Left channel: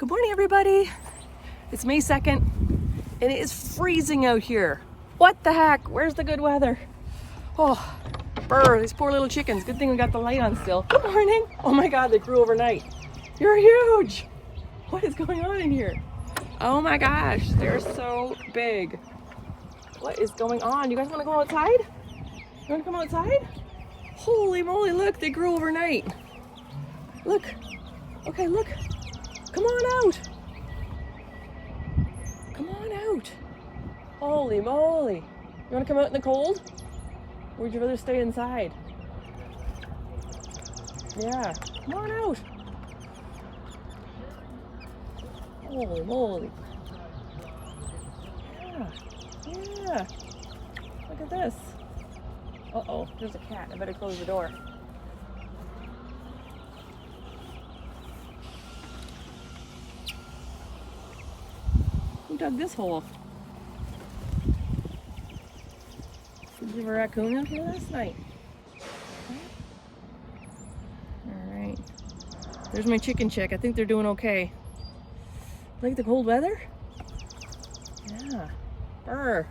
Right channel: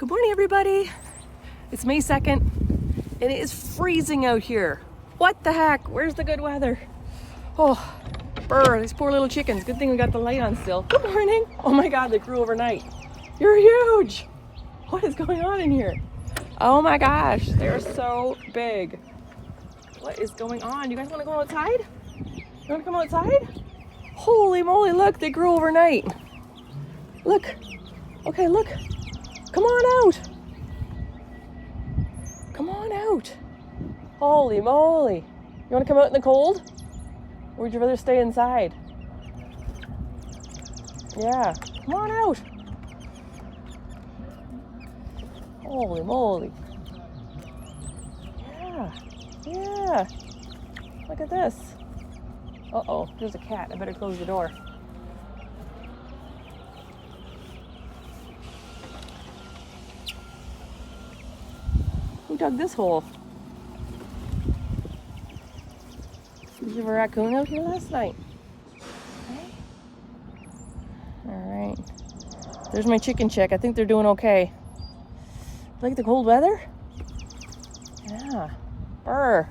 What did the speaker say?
Good morning, everybody. It's May 2nd, and it is freezing out here. What the heck? Where's the good weather? Oh, brr, these poor little chickens. Good thing we got the light on still. Good morning. Oh my God, they grew overnight. You're huge. What is going on in here? Oh my gosh, they're so big. What is going on? You guys want to go outside? You want to come outside? Holy moly, look, they grew overnight. Look. Okay, look. Come on out. Come on out. Holy moly. You want to come out in the cold? Or would you rather stay inside? Yeah, come on out. Holy moly. Yeah. Look at this. Uh-oh, there's a cat. I better close the door. Who dug this hole? Did you have a raccoon out here last night? Alright. There's my chicken chick. I think they're doing okay. Like the cold weather? Yeah. Brr.